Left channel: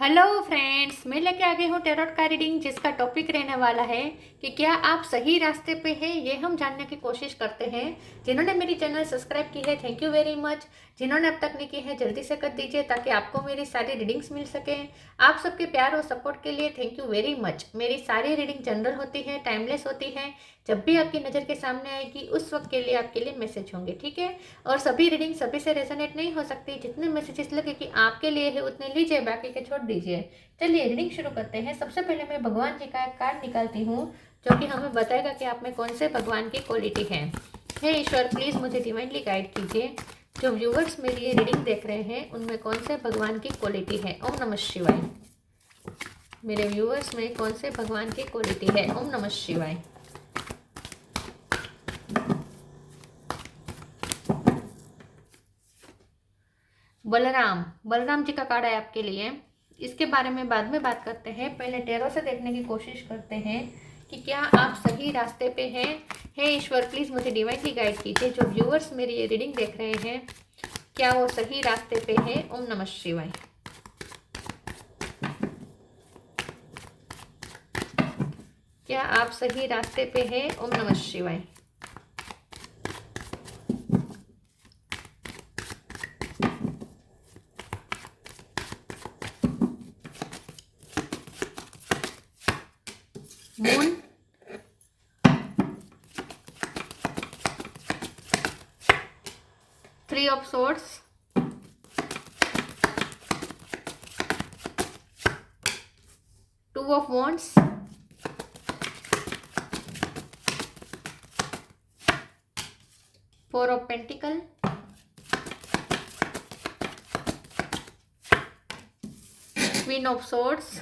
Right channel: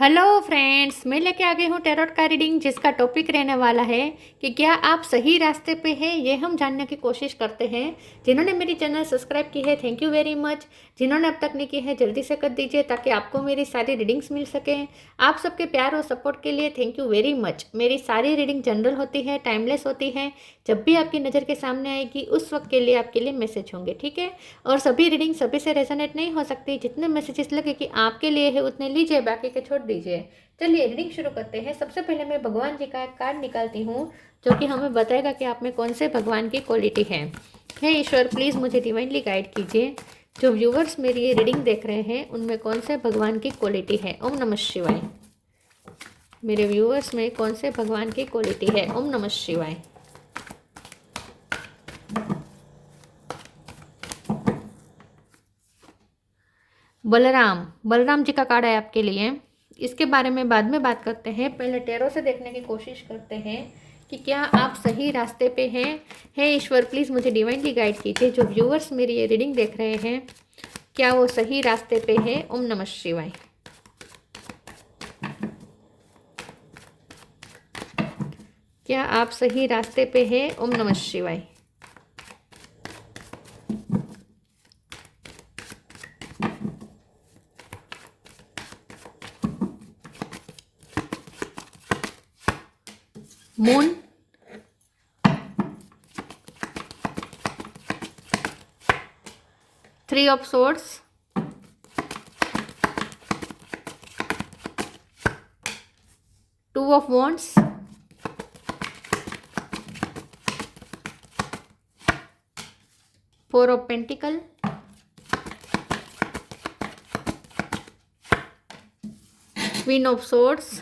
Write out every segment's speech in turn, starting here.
Hello friends, मैं लेके आ गई हूँ टैरोट का रीडिंग जिसका टॉपिक रहने वाला है कि क्या आप सही रास्ते पे हैं, ये हम जानने की कोशिश करते हैं। जिन्होंने मेरी चैनल सब्सक्राइब की है, थैंक यू वेरी मच। जिन्होंने अब तक नहीं की है, जल्दी से कर दीजिए ताकि आपको मेरी सारी रीडिंग्स मिल सकें। आप सबके प्यार और सपोर्ट के लिए थैंक यू वेरी मच। मेरी सारी रीडिंग जनरल होती है, टाइमलेस होती है। जब भी आपकी नज़र के सामने आएगी उस वक्त के लिए आपके लिए मैसेज होंगे, ठीक है। और सभी रीडिंग सभी से रेजोनेट नहीं हो सकती। जितने मैसेजेस लगे कि आपके लिए है उतने लीजिए, बाकी के छोड़ दीजिए। चलिए रीडिंग शुरू करते हैं। सबसे पहले मैं भगवान जी का एक कार्ड निकालती हूँ जो कि हमें बताएगा कि आप में कौन से भगवान की क्वालिटी है। हे ईश्वर, प्लीज़ मुझे डिवाइनली गाइड कीजिए। जो व्यूवर्स मेरी ये रीडिंग देख रहे हैं उनमें कौन से भगवान की क्वालिटी है। ओम नमः शिवाय। मेरे व्यूवर्स में कौन से भगवान की क्वालिटी है। ओम नमः शिवाय। बलराम, बलराम जी का कार्ड है आपके लिए। इसके बारे में बाद में बात करते हैं, पहले टैरो से देखने की कोशिश करते हैं कि क्या आप सही रास्ते पे हैं। हे ईश्वर, प्लीज़ मुझे डिवाइनली गाइड कीजिए। जो व्यूअर्स मेरी ये रीडिंग देख रहे हैं, क्या वो सही रास्ते पे है। ओम नमः शिवाय। क्या आप सही रास्ते पे हैं। ओम नमः शिवाय। Moon, three of swords, two of wands, four of pentacle, queen of swords,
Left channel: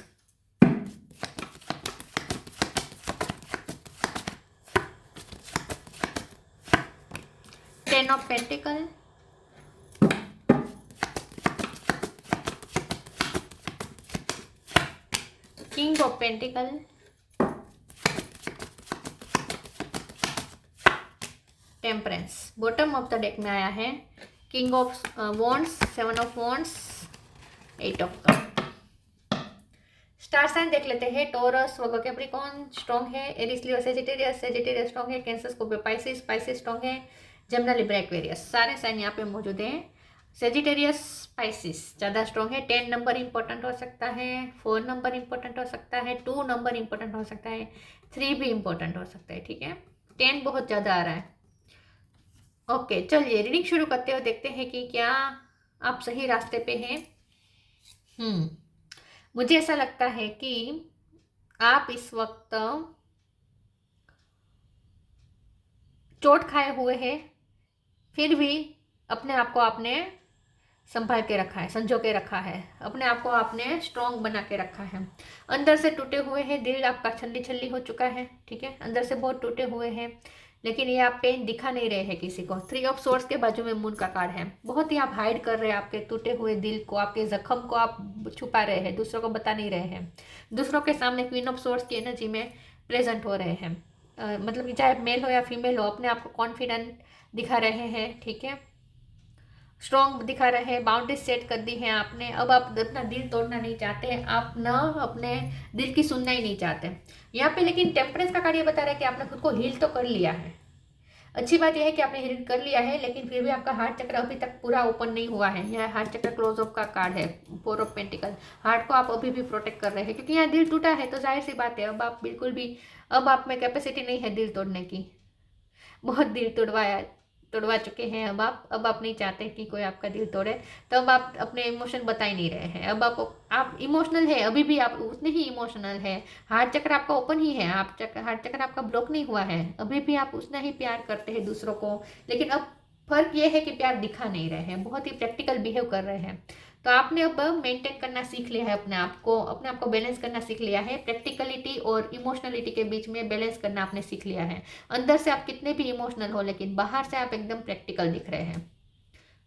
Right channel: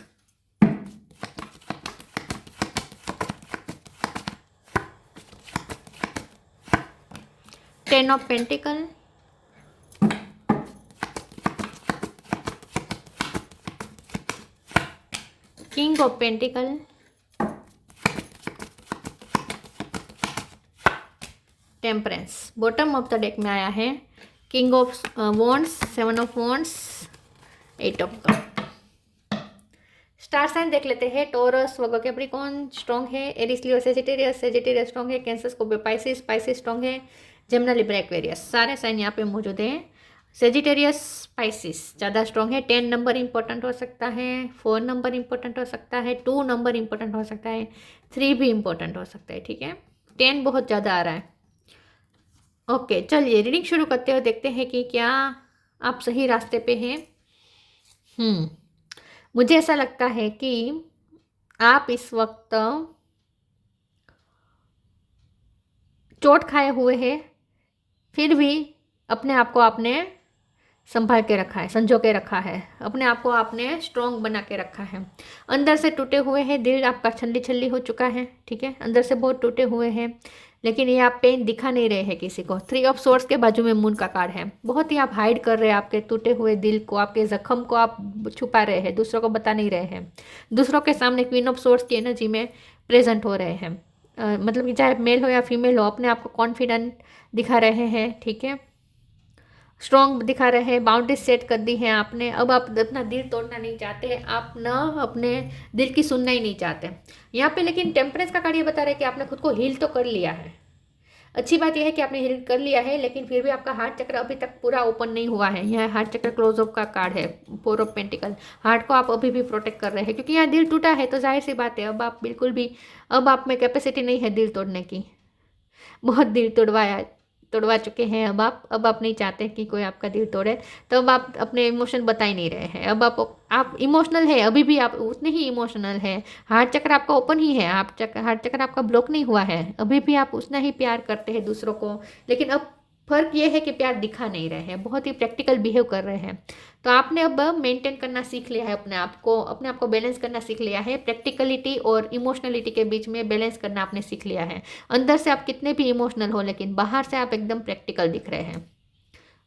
ten of pentacle, king of pentacle, temperance. Bottom of the deck में आया है king of wands, seven of wands, eight of cup. Star sign देख लेते हैं। Taurus, Virgo, Capricorn strong है। Aries, Leo, Sagittarius, Sagittarius strong है। Cancer, Scorpio, Pisces, Pisces strong है। Gemini, Libra, Aquarius, सारे साइन यहाँ पे मौजूद हैं। सेजिटेरियस, पाइसिस ज़्यादा स्ट्रॉन्ग है। 10 नंबर इंपॉर्टेंट हो सकता है, 4 नंबर इंपॉर्टेंट हो सकता है, 2 नंबर इंपॉर्टेंट हो सकता है, 3 भी इंपॉर्टेंट हो सकता है, ठीक है। 10 बहुत ज़्यादा आ रहा है। ओके, चलिए रीडिंग शुरू करते हुए देखते हैं कि क्या आप सही रास्ते पे हैं। मुझे ऐसा लगता है कि आप इस वक्त चोट खाए हुए हैं, फिर भी अपने आप को आपने संभाल के रखा है, संजो के रखा है। अपने आप को आपने स्ट्रॉन्ग बना के रखा है। अंदर से टूटे हुए हैं, दिल आपका छल्ली छल्ली हो चुका है, ठीक है। अंदर से बहुत टूटे हुए हैं, लेकिन ये आप पेन दिखा नहीं रहे हैं किसी को। थ्री ऑफ सोर्ड्स के बाजू में मून का कार्ड है। बहुत ही आप हाइड कर रहे हैं आपके टूटे हुए दिल को, आपके जख्म को आप छुपा रहे हैं, दूसरों को बता नहीं रहे हैं। दूसरों के सामने क्वीन ऑफ सोर्ड्स की एनर्जी में प्रेजेंट हो रहे हैं। मतलब कि चाहे मेल हो या फीमेल हो, अपने आप को कॉन्फिडेंट दिखा रहे हैं, ठीक है। स्ट्रॉन्ग दिखा रहे हैं, बाउंड्रीज सेट कर दी हैं आपने। अब आप अपना दिल तोड़ना नहीं चाहते हैं, आप ना अपने दिल की सुनना ही नहीं चाहते यहाँ पे। लेकिन टेम्परेंस का कार्ड ये बता रहा है कि आपने खुद को हील तो कर लिया है। अच्छी बात यह है कि आपने हील कर लिया है, लेकिन फिर भी आपका हार्ट चक्र अभी तक पूरा ओपन नहीं हुआ है। यह हार्ट चक्र क्लोज अप का कार्ड है, फोर ऑफ पेंटिकल। हार्ट को आप अभी भी प्रोटेक्ट कर रहे हैं, क्योंकि यहाँ दिल टूटा है तो जाहिर सी बात है अब आप बिल्कुल भी, अब आप में कैपेसिटी नहीं है दिल तोड़ने की। बहुत दिल तोड़वा चुके हैं अब आप नहीं चाहते कि कोई आपका दिल तोड़े। तो अब आप अपने इमोशन बता ही नहीं रहे हैं। अब आप इमोशनल है, अभी भी आप उतने ही इमोशनल है। हार्ट चक्र आपका ओपन ही है, हार्ट चक्र आपका ब्लॉक नहीं हुआ है। अभी भी आप उतना ही प्यार करते हैं दूसरों को, लेकिन अब फर्क ये है कि प्यार दिखा नहीं रहे हैं, बहुत ही प्रैक्टिकल बिहेव कर रहे हैं। तो आपने अब मेंटेन करना सीख लिया है, अपने आप को बैलेंस करना सीख लिया है। प्रैक्टिकलिटी और इमोशनलिटी के बीच में बैलेंस करना आपने सीख लिया है। अंदर से आप कितने भी इमोशनल हो, लेकिन बाहर से आप एकदम प्रैक्टिकल दिख रहे हैं।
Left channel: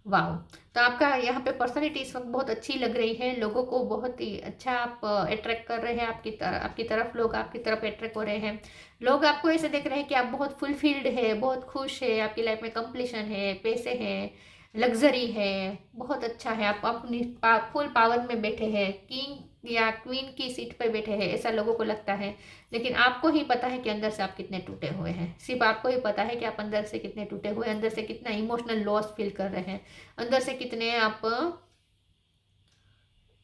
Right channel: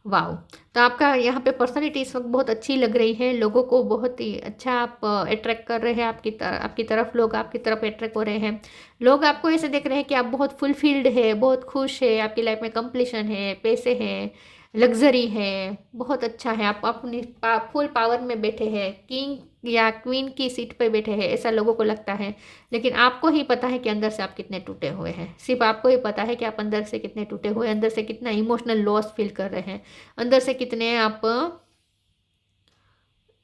वाह। तो आपका यहाँ पे पर्सनालिटी इस वक्त बहुत अच्छी लग रही है। लोगों को बहुत ही अच्छा आप अट्रैक्ट कर रहे हैं, आपकी तरफ लोग आपकी तरफ अट्रैक्ट हो रहे हैं। लोग आपको ऐसे देख रहे हैं कि आप बहुत फुलफिल्ड है, बहुत खुश है, आपकी लाइफ में कंप्लीशन है, पैसे हैं, लग्जरी है, बहुत अच्छा है, आप अपनी फुल पावर में बैठे हैं, किंग या क्वीन की सीट पर बैठे हैं, ऐसा लोगों को लगता है। लेकिन आपको ही पता है कि अंदर से आप कितने टूटे हुए हैं। सिर्फ आपको ही पता है कि आप अंदर से कितने टूटे हुए हैं, अंदर से कितना इमोशनल लॉस फील कर रहे हैं, अंदर से कितने आप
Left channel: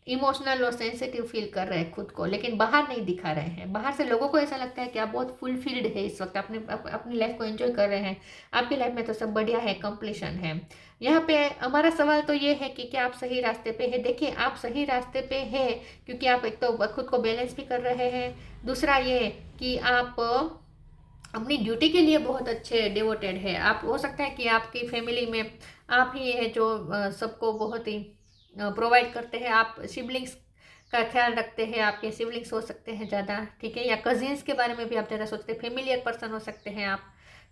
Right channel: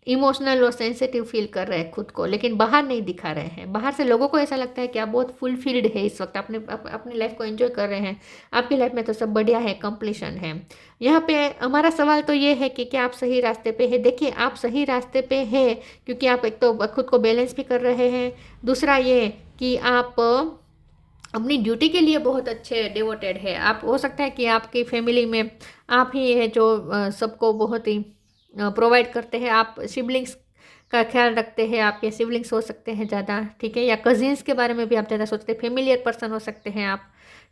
इमोशनल और सेंसिटिव फील कर रहे हैं खुद को, लेकिन बाहर नहीं दिखा रहे हैं। बाहर से लोगों को ऐसा लगता है कि आप बहुत फुलफिल्ड है इस वक्त, अपनी लाइफ को एंजॉय कर रहे हैं, आपकी लाइफ में तो सब बढ़िया है, कंप्लीशन है। यहाँ पे हमारा सवाल तो ये है कि क्या आप सही रास्ते पे है। देखिए, आप सही रास्ते पे है क्योंकि आप एक तो खुद को बैलेंस भी कर रहे हैं, दूसरा ये कि आप अपनी ड्यूटी के लिए बहुत अच्छे डिवोटेड है। आप हो सकता है कि आपकी फैमिली में आप ही है जो सबको बहुत ही प्रोवाइड करते हैं, आप सिबलिंग्स का ख्याल रखते हैं, आपके सिबलिंग्स हो सकते हैं ज़्यादा, ठीक है, या कजिन्स के बारे में भी आप ज़्यादा सोचते हैं, फेमिलियर पर्सन हो सकते हैं आप,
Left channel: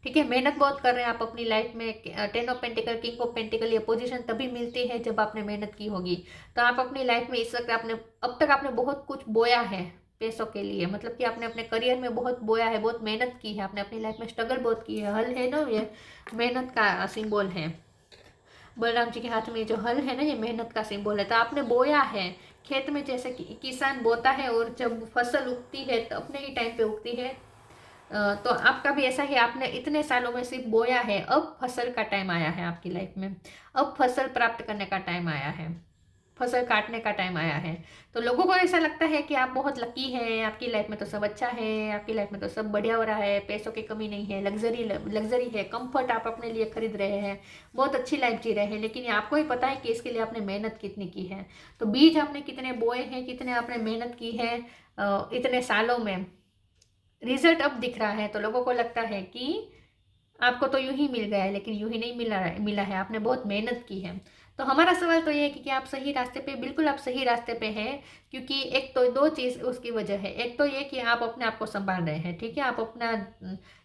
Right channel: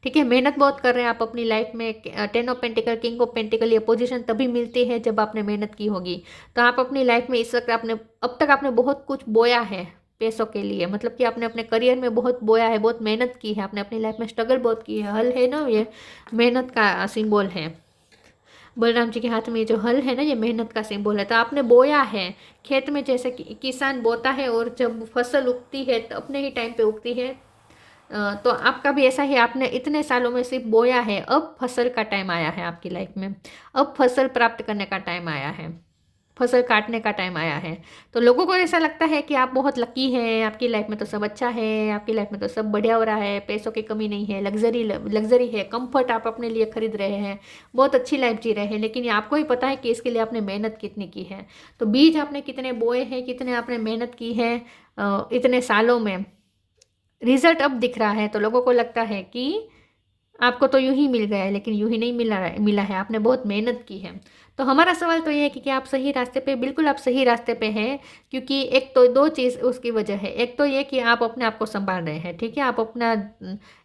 ठीक है। मेहनत बहुत कर रहे हैं आप अपनी लाइफ में। 10 of pentacle, king of pentacle, ये पोजीशन तभी मिलती है जब आपने मेहनत की होगी। तो आप अपनी लाइफ में इस वक्त आपने अब तक आपने बहुत कुछ बोया है पैसों के लिए, मतलब कि आपने अपने करियर में बहुत बोया है, बहुत मेहनत की है, आपने अपनी लाइफ में स्ट्रगल बहुत की है। हल है ना, ये मेहनत का सिंबल है। बलराम जी के हाथ में जो हल है ना, ये मेहनत का सिंबल है। तो आपने बोया है खेत में, जैसे कि किसान बोता है और जब फसल उगती है तो अपने ही टाइम पे उगती है। तो आपका भी ऐसा ही, आपने इतने सालों में सिर्फ बोया है, अब फसल का टाइम आया है आपकी लाइफ में, अब फसल प्राप्त करने का टाइम आया है, फसल काटने का टाइम आया है। तो लोगों को ऐसा लगता है कि आप बहुत लकी हैं, आपकी लाइफ में तो सब अच्छा है, आपकी लाइफ में तो सब बढ़िया हो रहा है, पैसों की कमी नहीं है, लग्जरी है, कंफर्ट आप अपने लिए खरीद रहे हैं, बहुत अच्छी लाइफ जी रहे हैं। लेकिन ये आपको ही पता है कि इसके लिए आपने मेहनत कितनी की है। तो बीज आपने कितने बोए हैं, कितने आपने मेहनत की है इतने सालों में, रिजल्ट अब दिख रहा है। तो लोगों को लगता है कि आपको तो यूं ही मिल गया है, लेकिन यूं ही नहीं मिला है, आपने बहुत मेहनत की है। तो हमारा सवाल तो ये है कि आप सही रास्ते पे, बिल्कुल आप सही रास्ते पे हैं। क्योंकि एक तो दो चीज़ उसकी वजह है, एक तो ये कि आप अपने आप को संभाल रहे हैं, ठीक है, आप अपना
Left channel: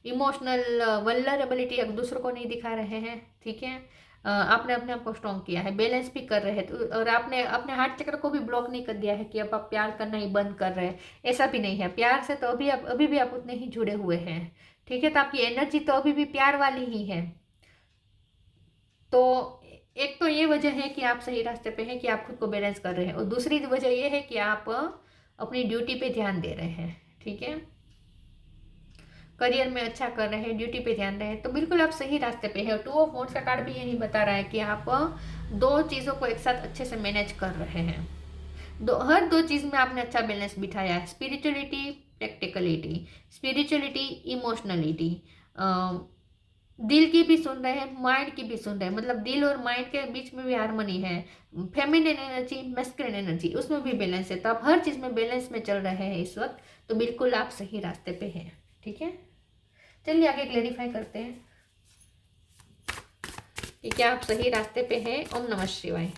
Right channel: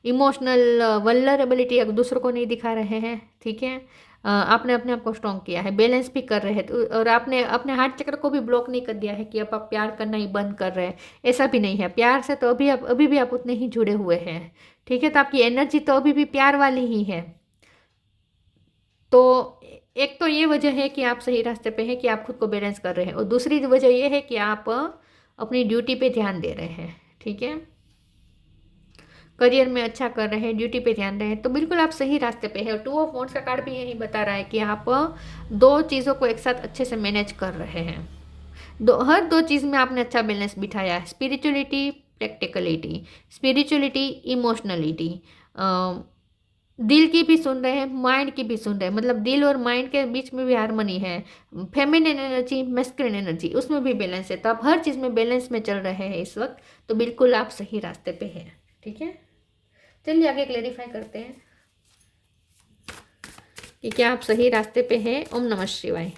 इमोशनल वल्नरेबिलिटी एक दूसरों को नहीं दिखा रहे हैं, ठीक है, आपने अपने आप को स्ट्रॉन्ग किया है, बैलेंस भी कर रहे हैं। और आपने अपने हार्ट चक्र को भी ब्लॉक नहीं कर दिया है कि अब आप प्यार करना ही बंद कर रहे हैं, ऐसा भी नहीं है। प्यार से तो अभी भी आप उतने ही जुड़े हुए हैं, ठीक है। तो आपकी एनर्जी तो अभी भी प्यार वाली ही है। तो एक तो ये वजह है कि आप सही रास्ते पे हैं कि आप खुद को बैलेंस कर रहे हैं, और दूसरी वजह ये है कि आप अपनी ड्यूटी पे ध्यान दे रहे हैं, ठीक है, करियर में अच्छा कर रहे हैं, ड्यूटी पे ध्यान रहे हैं। तो बिल्कुल आप सही रास्ते पे हैं। और 2 ऑफ वांड्स का कार्ड भी यही बता रहा है कि आप दो चीज़ों को एक साथ अच्छे से मैनेज कर रहे हैं। हर दो चीज़ में आपने अच्छा बैलेंस बिठाया है, स्पिरिचुअलिटी, प्रैक्टिकलिटी, स्पिरिचुअलिटी, इमोशनलिटी, दिल की भी सुन रहे हैं, माइंड की भी सुन रहे हैं, मतलब दिल और माइंड के बीच में भी हारमोनी है, फेमिनिन एनर्जी, मैस्कुलिन एनर्जी, उसमें भी बैलेंस है। तो आप हर चीज़ में बैलेंस में चल रहे हैं इस वक्त। तो बिल्कुल आप सही रास्ते पे हैं, ठीक है। चलिए आगे क्लेरिफाई करते हैं कि क्या आप सही रास्ते पे हैं। ओम नमः शिवाय।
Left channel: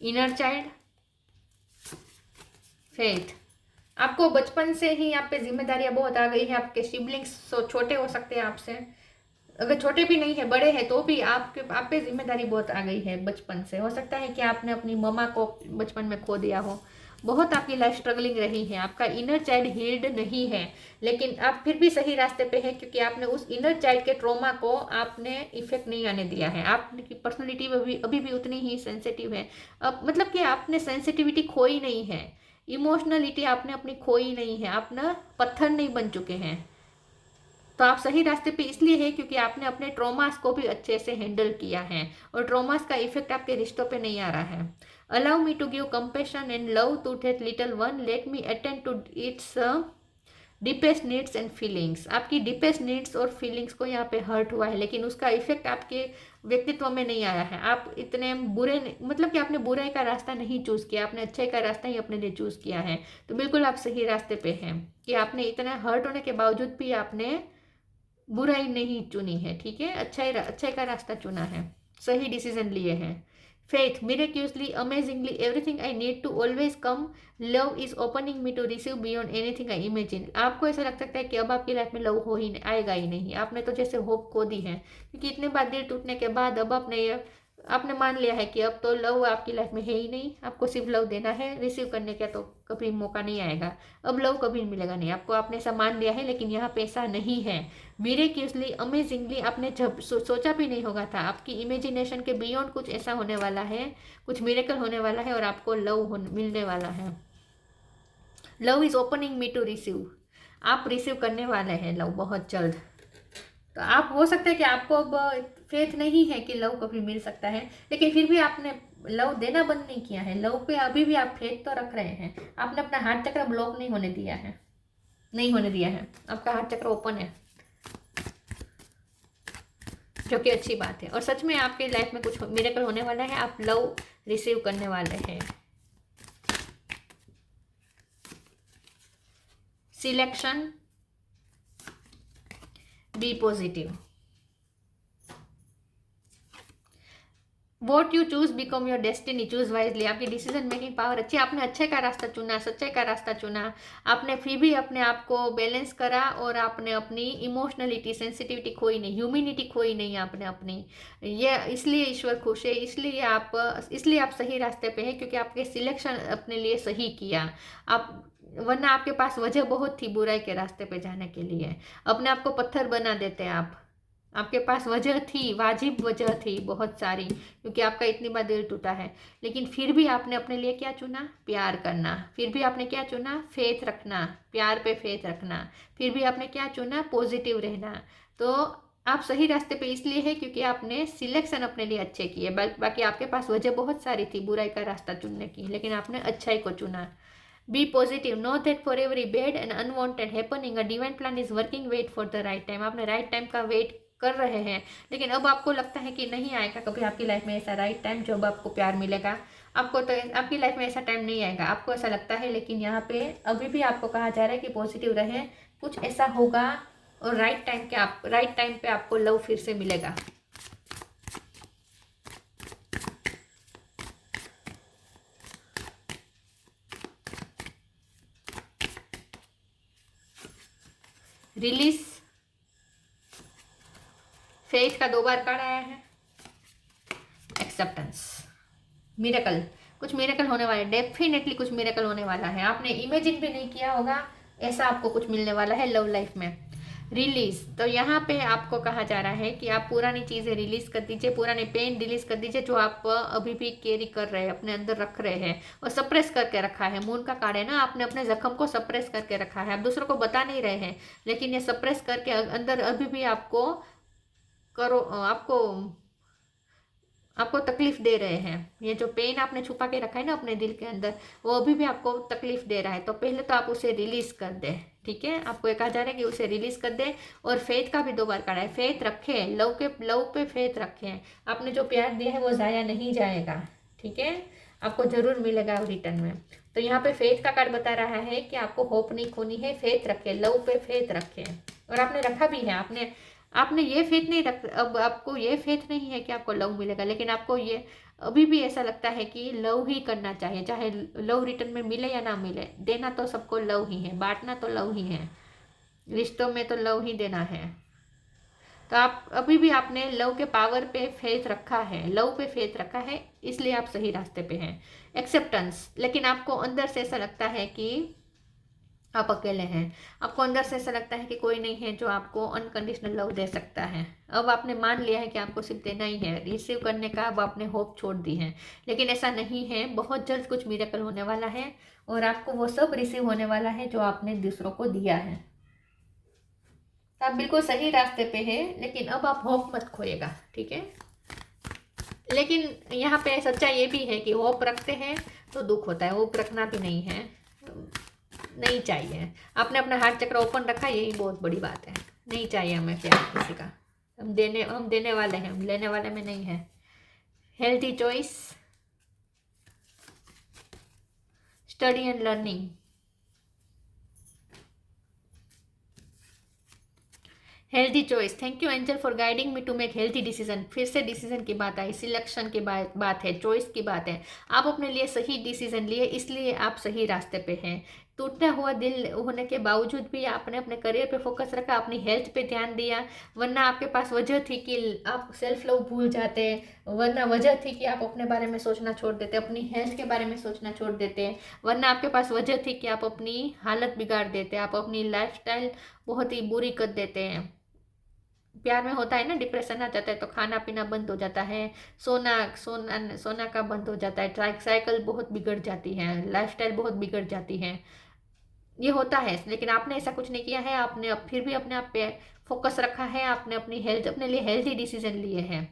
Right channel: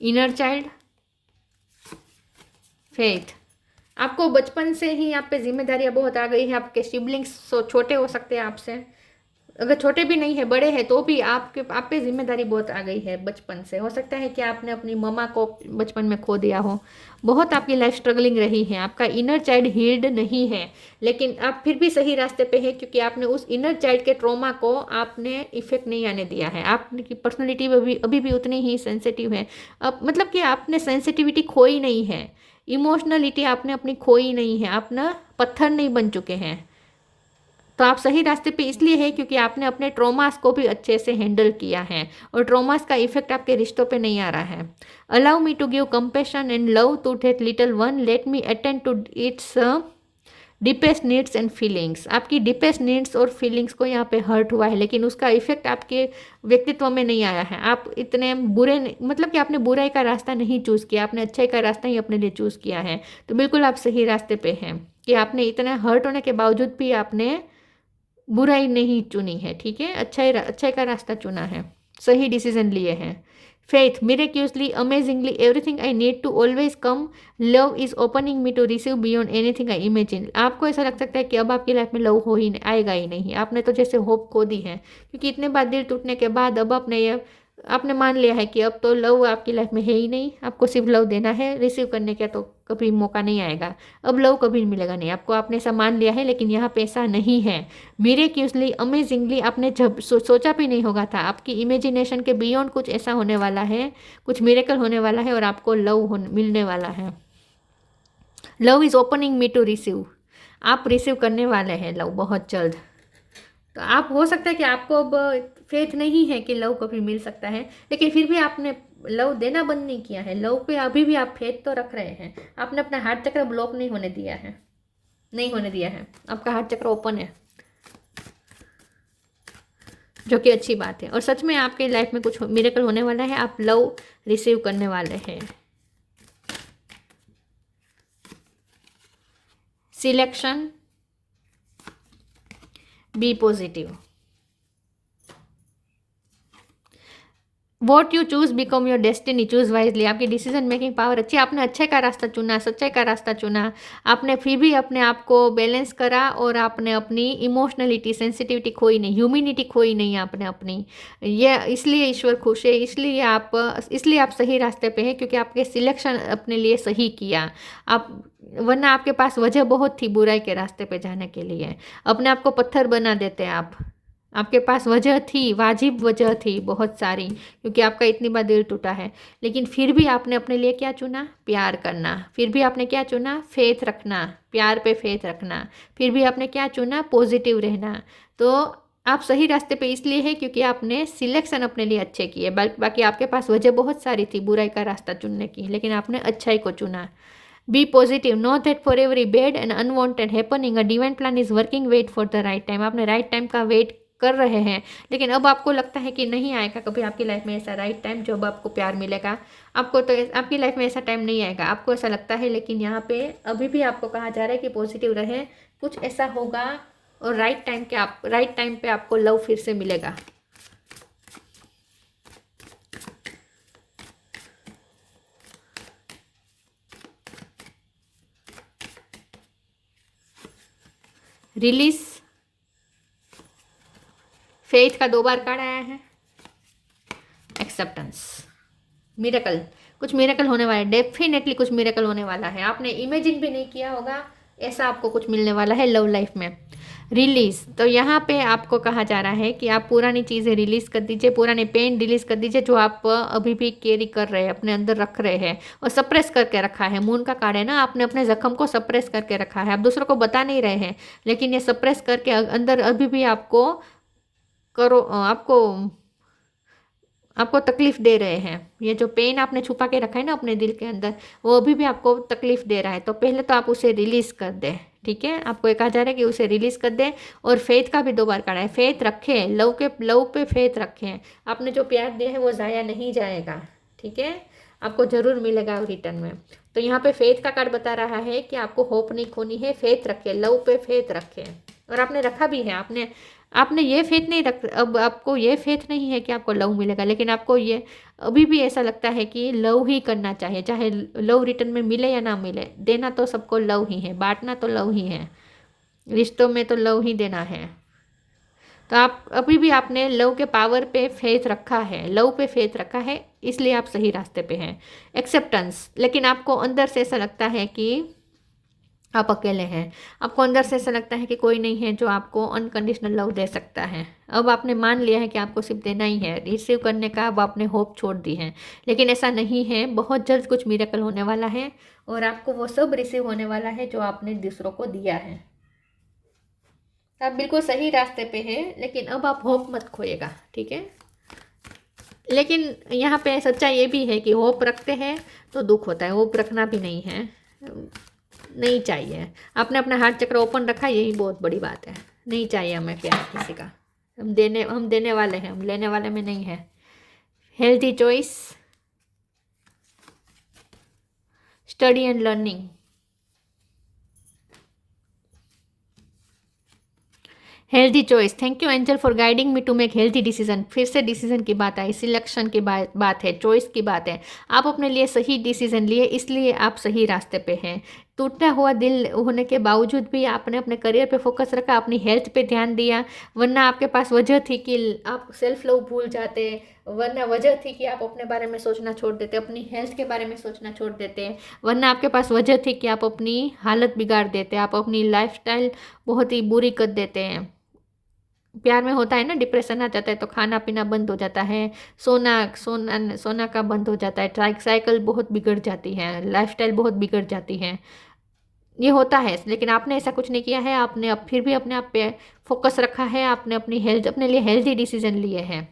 इनर चाइल्ड, फेथ, आपको बचपन से ही आप पे जिम्मेदारियां बहुत आ गई है। आपके सिबलिंग्स छोटे हो सकते हैं आपसे, अगर छोटे भी नहीं है, बड़े हैं, तो भी आप पे जिम्मेदारी बहुत आ गई है बचपन से। हो सकता है कि आपने अपनी मम्मा को बचपन में खो दिया हो, बहुत आपकी लाइफ स्ट्रगलिंग रही है, आपका इनर चाइल्ड हील्ड नहीं है, लेकिन आप फिर भी सही रास्ते पे हैं क्योंकि आपने उस इनर चाइल्ड के ट्रॉमा को आपने इफेक्ट नहीं आने दिया है। आपकी पर्सनैलिटी अभी भी उतनी ही सेंसिटिव है। अब मतलब कि आपने सेंसिटिविटी खोई नहीं है, इमोशनलिटी आपने अपनी खोई नहीं है, आप ना पत्थर नहीं बन चुके हैं। तो आप सही रास्ते पे इसलिए है क्योंकि आपने अपने ट्रॉमास को भी अच्छे से हैंडल किया है, और ट्रॉमास का इफेक्ट आपके रिश्तों पे नहीं आ रहा है। Allow me to give compassion and love to that little one, let me attend to its deepest needs and feelings. आपकी डीपेस्ट नीड्स और फीलिंग्स को यहाँ पे हर्ट हुआ है, लेकिन उसका इफेक्ट आपके व्यक्तित्व में नहीं आया है। आप इतने बुरे मतलब कि आपने बुराई का रास्ता नहीं चूज़ किया, आपने अच्छाई का रास्ता ही अपने लिए चूज़ किया है। तो बिल्कुल आप सही रास्ते पे हैं कि आपने इतने हर्ट होने के बावजूद भी आपने बुराई नहीं चुनी है, ठीक है, अच्छाई का रास्ता चुना है, सही डिसीजन लिए हैं। Faith, miraculously, amazingly, everything I need to always come, love is opening me to receive beyond anything I imagine. आपको ऐसा लग सकता है कि अब आपकी लाइफ में लव हो ही आएगा ही नहीं, आपने तो जैसे होप खो दी है, क्योंकि इतने बार दिल टूटने के बाद अब आपने ये आपने मान लिया है कि अब तो लव आपकी लाइफ में है ही नहीं, आपको सिर्फ लव देना है, रिसीव करने का तो कभी मौका नहीं आएगा, अब लव कभी मिलेगा नहीं आपको, आपने ऐसा मान लिया है। लेकिन यहाँ पे ऐसा नहीं है। मिरेक्युलसली, अमेजिंगली, आपने जब सोचा भी नहीं होगा था, आपकी इमेजिनेशन के बियॉन्ड कुछ ऐसा होने वाला है, कुछ मिरेकल होने वाला है और आपको लव मिलने वाला है। Love is opening me to receive, आप रिसीव करने वाले हैं लव बहुत जल्द। तो आप, हो सकता है कि आपको अब फेथ नहीं है कि लव कभी मिल सकता है, लेकिन फिर भी आपने लव देना बंद नहीं किया है, लव पे अभी भी आप फेथ तो रख रहे हैं। आपने अपना हार्ट चक्र ब्लॉक नहीं होने दिया है, नहीं होने दिया है, आपका हार्ट चक्र ओपन है, जो कि अच्छी बात है। और सच में आपकी लाइफ में कुछ मिरेकल होने वाला है, आप लव रिसीव करने वाले हैं। Selection, be positive. What you choose become your destiny, choose wisely. आपकी डिसीजन मेकिंग पावर अच्छी, आपने अच्छे का रास्ता चुना, सच्चाई का रास्ता चुना, आपने फिर भी अपने आप को बैलेंस करा और आपने अपनी इमोशनलिटी, सेंसिटिविटी खोई नहीं, ह्यूमिनिटी खोई नहीं आपने अपनी। ये इसलिए ईश्वर खुश है, इसलिए आप सही रास्ते पे हैं, क्योंकि आपके सिलेक्शन अपने लिए सही किया आप। वरना आपके पास वजह बहुत थी बुराई के रास्ते पे जाने के लिए, अपने आप को पत्थर बना देते आप। आपके पास वजह थी, वाजिब वजह थी बहुत सारी, क्योंकि आपका इतनी बार दिल टूटा है। लेकिन फिर भी आपने अपने लिए क्या चुना? प्यार करना। फिर भी आपने क्या चुना? फेथ रखना, प्यार पे फेथ रखना। फिर भी आपने क्या चुना? पॉजिटिव रहना। तो आप सही रास्ते पे इसलिए है क्योंकि आपने सिलेक्शन अपने लिए अच्छे किए। बाकी आपके पास वजह बहुत सारी थी बुराई का रास्ता चुनने की, लेकिन आपने अच्छाई को चुना। Be positive, know that for every bad and unwanted happening a divine plan is working, wait for the right time. आपने राइट टाइम का वेट कर रहे हैं, लेकिन अब आपको लगता है कि नहीं आएगा कभी आपकी लाइफ में ऐसा राइट टाइम जब आपको प्यार मिलेगा। आपको तो आपकी लाइफ में ऐसा टाइम नहीं आएगा, आपको ऐसा लगता है। लेकिन यहाँ पे अभी भी आपको कहा जा रहा है कि पॉजिटिव रहे, कुछ ऐसा होगा और राइट टाइम पे आपको लव फिर से मिलेगा। रिलीज, फेथ का 2 बार कार्ड आया है। एक्सेप्टेंस, मिरेकल, कुछ मिरेकल होने वाला है, डेफिनेटली कुछ मिरेकल होने वाला है। आपने इमेजिन भी नहीं किया होगा ऐसा आपको कुछ मिलने वाला है लव लाइफ में। रिलीज, तो यहाँ पे आपको कहा जा रहा है कि आप पुरानी चीज़ें रिलीज कर दीजिए, पुराने पेन रिलीज कर दीजिए जो आप अभी भी कैरी कर रहे हैं, अपने अंदर रख रहे हैं और सप्रेस करके रखा है। मून का कार्ड है ना, आपने अपने जख्म को सप्रेस करके रखा है, आप दूसरों को बता नहीं रहे हैं, लेकिन ये सप्रेस करके अंदर अभी भी आपको तकलीफ दे रहे हैं। ये जो पेन आपने छुपा के रखा है ना अपने दिल के अंदर, वो अभी भी आपको तकलीफ दे रहा है। तो पहले तो आप उसे रिलीज कर दें, ठीक है। आपको ये कहा जा रहा है कि उसे रिलीज कर दें। और फेथ का भी 2 बार करा है, फेथ रखें, लव पे फेथ रखें। आपने जो प्यार दिया है वो ज़ाया नहीं जाएगा, ठीक है, आपको जरूर मिलेगा रिटर्न में। तो यहाँ पे फेथ का कार्ड बता रहा है कि आपको होप नहीं खोनी है, फेथ रखें, लव पे फेथ रखें। और आपने रखा भी है, आपने ये फेथ नहीं रख, अब आपको ये फेथ नहीं है कि आपको लव मिलेगा, लेकिन आपको ये अभी भी ऐसा लगता है कि लव ही करना चाहिए, चाहे लव रिटर्न में मिले या ना मिले। देना तो सबको लव ही है, बांटना तो लव ही है, रिश्तों में तो लव ही देना है। तो आप अभी भी आपने लव के पावर पे फेथ रखा है, लव पे फेथ रखा है, इसलिए आप सही रास्ते पे हैं। एक्सेप्टेंस, लेकिन आपको अंदर से ऐसा लगता है कि आप अकेले हैं, आपको अंदर से ऐसा लगता है कि कोई नहीं है जो आपको अनकंडीशनल लव दे सकता है। अब आपने मान लिया है कि आपको सिर्फ देना ही है, रिसीव करने का अब आपने होप छोड़ दी है। लेकिन ऐसा नहीं है, बहुत जल्द कुछ मिरेकल होने वाला है और आपको वो सब रिसीव होने वाला है जो आपने दूसरों को दिया है। आप बिल्कुल सही रास्ते पे हैं, लेकिन अब आप होप मत खोइएगा, ठीक है। लेकिन यहाँ पे सच्चा ये भी है कि होप रखते हैं तो दुख होता है, होप रखना भी नहीं है, नहीं चाहिए। आपने अपना हार्ट चक्र ओपन रखा, यही बहुत बड़ी बात है। नहीं चाहिए हमें प्यार किसी का, हम देने वाले हैं, हम लेने वाले में नहीं है। Healthy choice, study and learning, healthy choice. Thank you angel for guiding me to make healthy decision. फिर से डिसीजन की बात आई, सिलेक्शन की बात है, चॉइस की बात है। आप अपने लिए सही डिसीजन लिए, इसलिए आप सही रास्ते पे हैं। टूटा हुआ दिल होने के बावजूद भी आपने अपने करियर पे फोकस रखा, अपनी हेल्थ पे ध्यान दिया। वरना आपके पास वजह थी कि आप सेल्फ लव भूल जाते, वरना वजह थी कि आप अपने बारे में सोचना छोड़ देते, अपनी हेल्थ के बारे में सोचना छोड़ देते, वरना आपके पास वजह थी कि आप अपनी हालत बिगाड़ देते, आप अपनी लाइफस्टाइल बहुत ही बुरी कर देते हैं। प्यार में होता है ना, डिप्रेशन आ जाता है तो खाना पीना बंद हो जाता है, सोना सोना सोना का बंद हो जाता है, साइकिल बहुत बिगड़ जाती है, लाइफस्टाइल बहुत बिगड़ जाती है, ये होता है। लेकिन आपने ऐसा कुछ नहीं किया है, आपने अब फिर भी अपने आप पे फोकस रखा है, आपने अपनी हेल्थ, अपने लिए हेल्थी डिसीजन लिए हैं,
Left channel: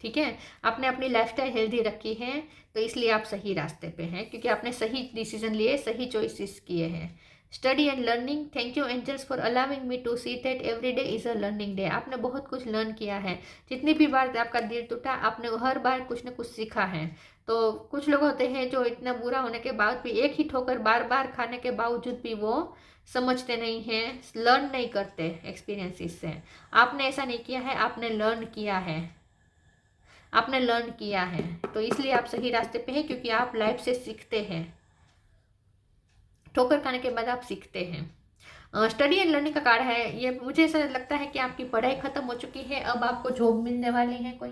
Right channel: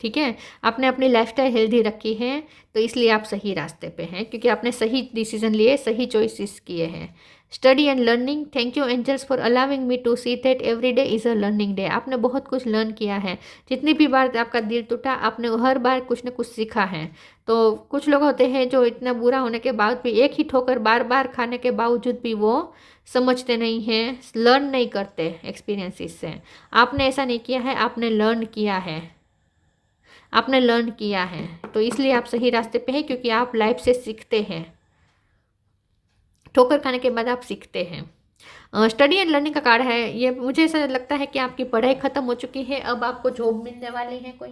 ठीक है। आपने अपनी लाइफस्टाइल हेल्दी रखी है, तो इसलिए आप सही रास्ते पे हैं, क्योंकि आपने सही डिसीजन लिए, सही चॉइसेस किए हैं। Study and learning, thank you angels for allowing me to see that every day is a learning day. आपने बहुत कुछ लर्न किया है, जितनी भी बार आपका दिल टूटा, आपने हर बार कुछ ना कुछ सीखा है। तो कुछ लोग होते हैं जो इतना बुरा होने के बाद भी, एक ही ठोकर बार बार खाने के बावजूद भी वो समझते नहीं हैं, लर्न नहीं करते एक्सपीरियंसेस से। आपने ऐसा नहीं किया है, आपने लर्न किया है, आपने लर्न किया है, तो इसलिए आप सही रास्ते पे हैं, क्योंकि आप लाइफ से सीखते हैं, ठोकर खाने के बाद आप सीखते हैं। स्टडी एंड लर्निंग का कार्ड है ये। मुझे ऐसा लगता है कि आपकी पढ़ाई खत्म हो चुकी है, अब आपको जॉब मिलने वाले हैं कोई।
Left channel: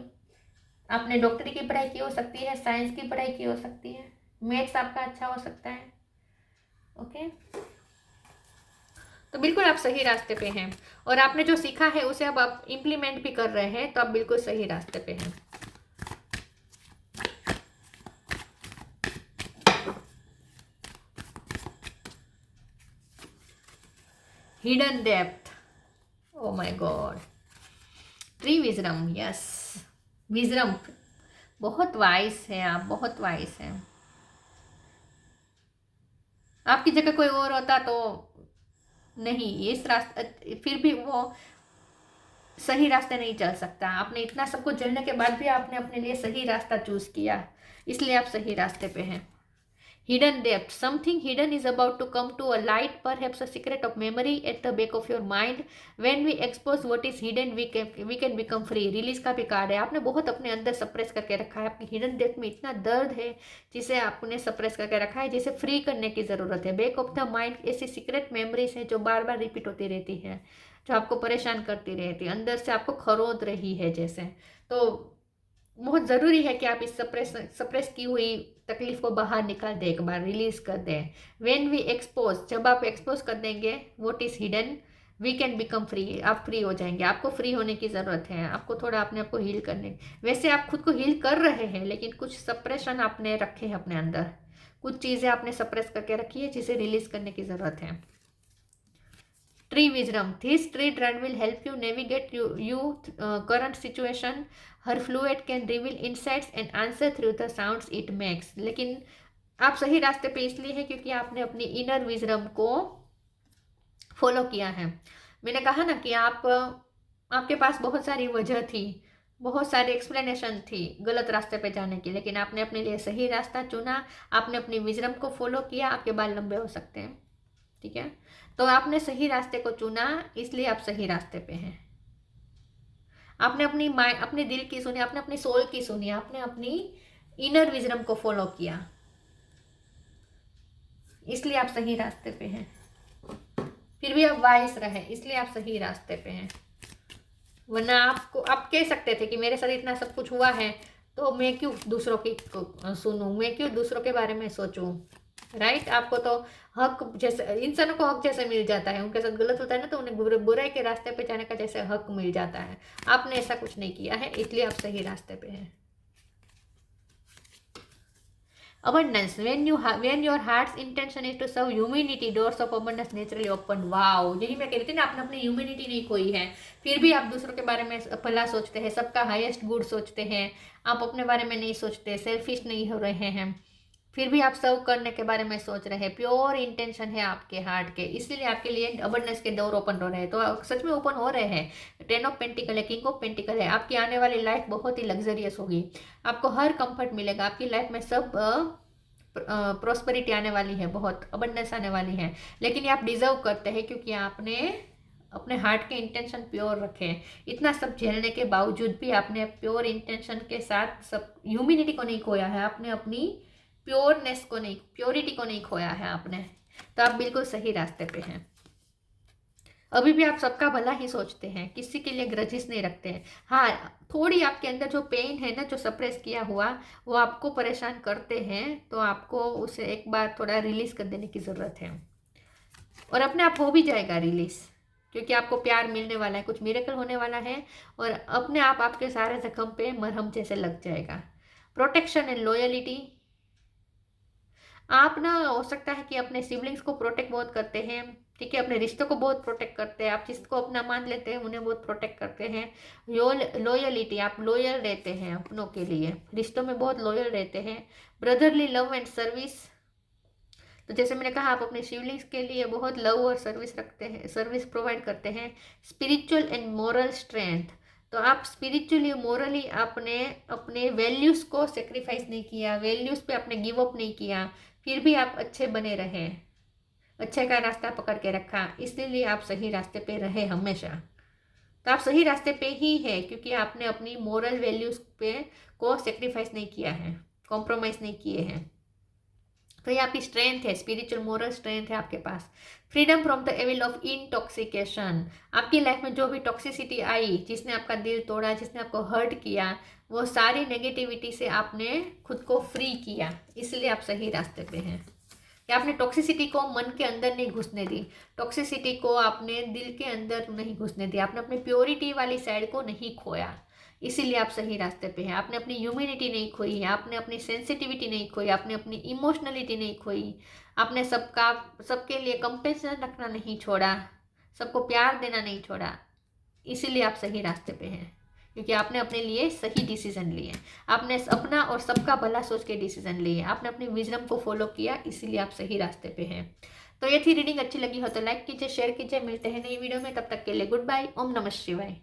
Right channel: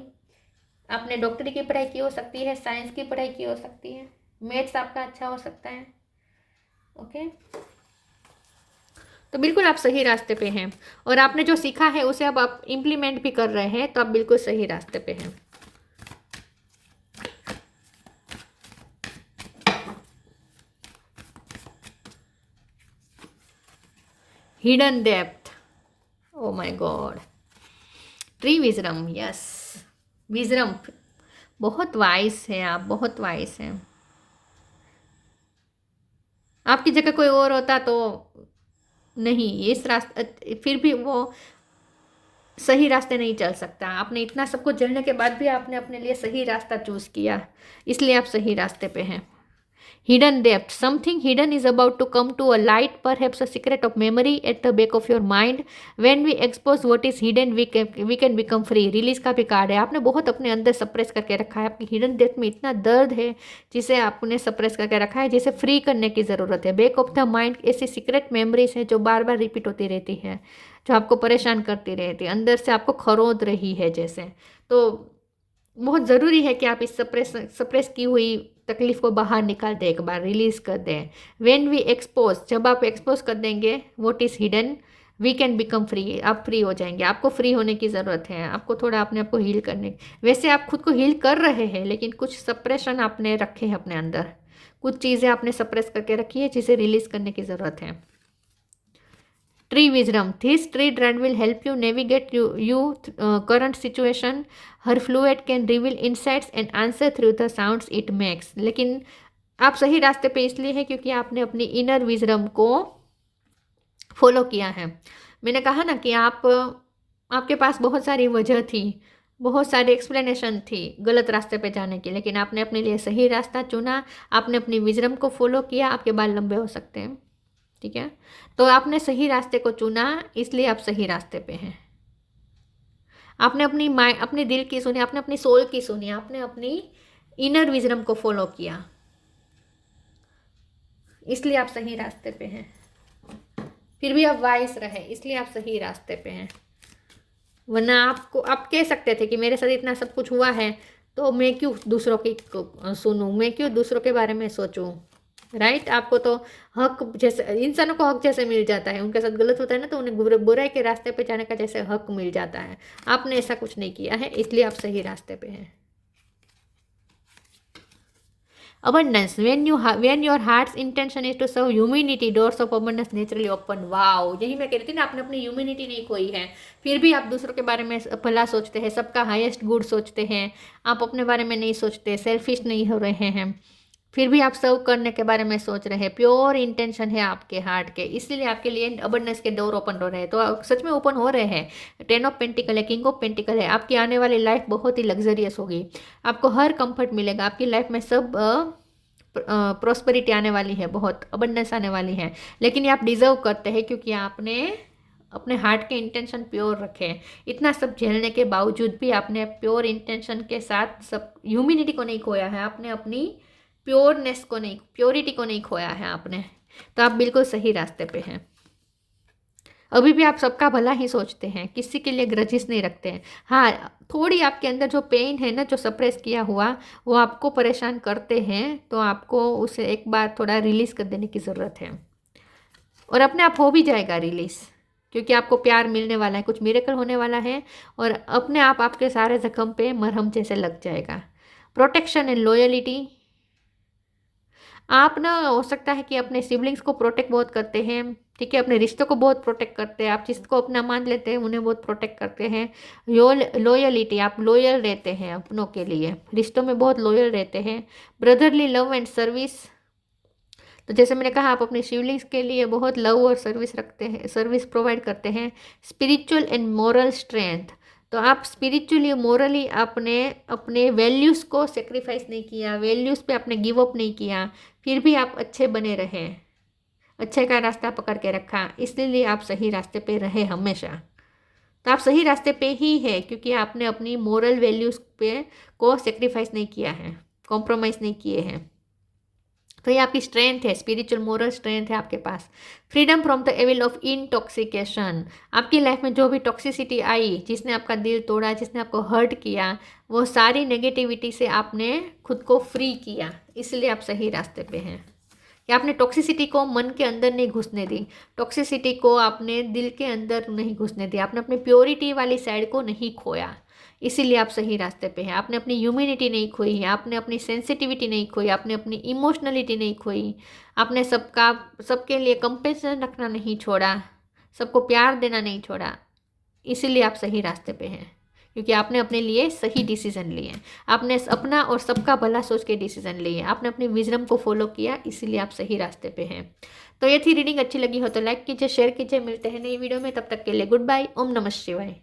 आपने डॉक्टरी की पढ़ाई की हो सकती है, साइंस की पढ़ाई की हो सकती है, मैथ्स आपका अच्छा हो सकता है, ओके। तो बिल्कुल आप सही रास्ते पे हैं, और आपने जो सीखा है उसे अब आप इम्प्लीमेंट भी कर रहे हैं, तो आप बिल्कुल सही रास्ते पे हैं। Hidden depth, oh my God, tree wisdom, yes, wisdom, बहुत वाइस है आप, बहुत वाइस हैं। आपकी जगह कोई और होता तो नहीं, इस रास्ते फिर भी वो सही रास्ते नहीं चल सकता। आपने इतना सब कुछ झेलने के बाद भी आपने अपने लिए सही रास्ता चूज किया, इसलिए आप सही रास्ते पे हैं। Hidden depth. Something hidden is about to come to a light, perhaps a secret of memory at the back of your mind. When we expose what is hidden, we can become free. Release का भी card है। आपने बहुत अपने अंदर suppress करके रखा है, आपकी हिडन डेप्थ में इतना दर्द है जिसे आपने सप्रेस करके रखा है, जिसे फ्री करने की ज़रूरत है। बैक ऑफ द माइंड ऐसी सीक्रेट मेमोरीज हैं जो बार बार रिपीट होती रहती हैं, जो आपको परेशान करती रहती है, अंदर से आपको खरोद रही है जैसे। तो बहुत ज़रूरी है कि आप इस सप्रेस की हुई तकलीफ को बाहर निकाल दें, एक बार रिलीज कर दें। व्हेन वी एक्सपोज, जब आप एक्सपोज कर देंगे what is hidden, we can become free, आप फ्री हो जाएंगे। आपको फ्री होने की ज़रूरत है, आपको थोड़ा अपने आप को हील करने। वैसे आप खुद को हील कर रहे हैं, लेकिन कुछ सप्रेशन आपने रखे हैं अपने अंदर, कुछ चीज़ें आपने सप्रेस करके रखी है जिसे रिलीज करने की ज़रूरत है। Tree wisdom. This tree trend will help you navigate current situation. Her fluid can reveal insights and answer through the sounds it makes. लेकिन आप सही रास्ते पे इसलिए हैं क्योंकि आपने अपनी इनर विजडम को फॉलो किया है। मैंने कहा ना कि आपके पास बहुत सारी वजह थी, बहुत सारी एक्सप्लेनेशन थी गलत रास्ते पे जाने की, लेकिन आपने अपने लिए सही रास्ता चुना, आपने अपनी विजडम को फॉलो किया। आपके बाल लंबे हो सकते हैं, ठीक है, तो आपने सही रास्ते को चुना, इसलिए आप सही रास्ते पे हैं। आपने अपनी माइंड, अपने दिल की सुनी, आपने अपनी सोल की सुनी, आपने अपनी इनर विजडम को फॉलो किया, इसलिए आप सही रास्ते पे हैं। फिर भी आप वाइस रहे, इसलिए आप सही रास्ते पे हैं। वरना आप कह सकते थे कि मेरे साथ इतना सब कुछ हुआ है तो मैं क्यों दूसरों की सुनूं, मैं क्यों दूसरों के बारे में सोचूं, राइट। आपको तो हक जैसे, इंसानों को हक जैसे मिल जाता है, उनके साथ गलत होता है ना तो उन्हें बुराई के रास्ते पे जाने का जैसे हक मिल जाता है। आपने ऐसा कुछ नहीं किया है, इसलिए आप सही रास्ते पे हैं। abundance, when your heart's intention is to serve humanity, doors of abundance naturally open. Wow, यही मैं कह रही थी ना, आपने अपनी ह्यूमैनिटी नहीं खोई है, फिर भी आप दूसरों के बारे में भला सोचते हैं, सबका हाईएस्ट गुड सोचते हैं, आप अपने बारे में नहीं सोचते, सेल्फिश नहीं हो रहे हैं, फिर भी आप सर्व करने के बारे में सोच रहे हैं, प्योर इंटेंशन है आपके हार्ट के, इसलिए आपके लिए अबंडेंस के डोर ओपन हो रहे हैं। तो सच में ओपन हो रहे हैं। 10 ऑफ पेंटिकल है, किंग ऑफ पेंटिकल है। आपकी आने वाली लाइफ बहुत ही लग्जरियस होगी, आपको हर कंफर्ट मिलेगा, आपकी लाइफ में सब प्रॉस्पेरिटी आने वाली है, बहुत अबंडेंस आने वाली है। लेकिन ये आप डिजर्व करते हैं क्योंकि आपने अपने हार्ट के इंटेंशन प्योर रखे। इतना सब झेलने के बावजूद भी आपने प्योर इंटेंशन के साथ सब ह्यूमैनिटी को नहीं खोया है, आपने अपनी प्योरनेस को नहीं, प्योरिटी को नहीं खोया है आपने। तो आप बिल्कुल सही रास्ते पे हैं। अभी भी आप सबका भला ही सोचते हैं, किसी के लिए ग्रजिस नहीं रखते हैं। हाँ, थोड़ी आपके अंदर जो पेन है ना, जो सप्रेस किया हुआ, वो आपको परेशान करते हैं, तो आपको उसे एक बार थोड़ा रिलीज़ कर देने की ज़रूरत है। और अपने आप हो भी जाएगा रिलीज़, क्योंकि आपको प्यार मिलने वाला है, कुछ मिरेकल होने वाला है, और अपने आप आपके सारे जख्म पे मरहम जैसे लग जाएगा। प्रोटेक्शन एंड लॉयलिटी, आप ना हो सकता है कि अपने सिबलिंग्स को प्रोटेक्ट बहुत करते हैं, ठीक है, अपने रिश्तों को बहुत प्रोटेक्ट करते हैं, आप जिसको अपना मान लेते हैं उन्हें बहुत प्रोटेक्ट करते हैं। लॉयलिटी, आप लॉयल रहते हैं अपनों के लिए, रिश्तों में बहुत लॉयल रहते हैं। ब्रदरली लव एंड सर्विस, तो जैसे मैंने कहा, आप अपने सिबलिंग्स के लिए बहुत लव और सर्विस रखते हैं, सर्विस प्रोवाइड करते हैं। स्पिरिचुअल एंड मॉरल स्ट्रेंथ, तो आप स्पिरिचुअली मोरली आपने अपने वैल्यूज़ को सेक्रीफाइस नहीं किया, वैल्यूज़ पे आपने गिव अप नहीं किया, फिर भी आप अच्छे बने रहे, अच्छे का रास्ता पकड़ के रखा, इसलिए आप सही रास्ते पे रहे हमेशा। तो आप सही रास्ते पे ही है, क्योंकि आपने अपनी मोरल वैल्यूज़ पे को सेक्रीफाइस नहीं किया है, कॉम्प्रोमाइज़ नहीं किए हैं। तो ये आपकी स्ट्रेंथ है, स्पिरिचुअल मोरल स्ट्रेंथ है आपके पास। Freedom from the evil of intoxication, आपकी लाइफ में जो भी टॉक्सिसिटी आई, जिसने आपका दिल तोड़ा, जिसने आपको हर्ट किया, वो सारी नेगेटिविटी से आपने खुद को फ्री किया, इसलिए आप सही रास्ते पे हैं। या आपने टॉक्सिसिटी को मन के अंदर नहीं घुसने दी, टॉक्सिसिटी को आपने दिल के अंदर नहीं घुसने दिया, आपने अपनी प्योरिटी वाली साइड को नहीं खोया, इसीलिए आप सही रास्ते पे हैं। आपने अपनी ह्यूमिनिटी नहीं खोई है, आपने अपनी सेंसिटिविटी नहीं खोई, आपने अपनी इमोशनलिटी नहीं खोई, आपने सबके लिए कंपेशन रखना नहीं छोड़ा, सबको प्यार देना नहीं छोड़ा, इसीलिए आप सही रास्ते पे हैं, क्योंकि आपने अपने लिए सही डिसीजन लिए, आपने अपना और सबका भला सोच के डिसीजन लिए, आपने अपनी विजडम को फॉलो किया, इसीलिए आप सही रास्ते पे हैं। तो ये थी रीडिंग, अच्छी लगी हो तो लाइक कीजिए, शेयर कीजिए, मिलते हैं नई वीडियो में, तब तक के लिए गुड बाय, ओम नमः शिवाय।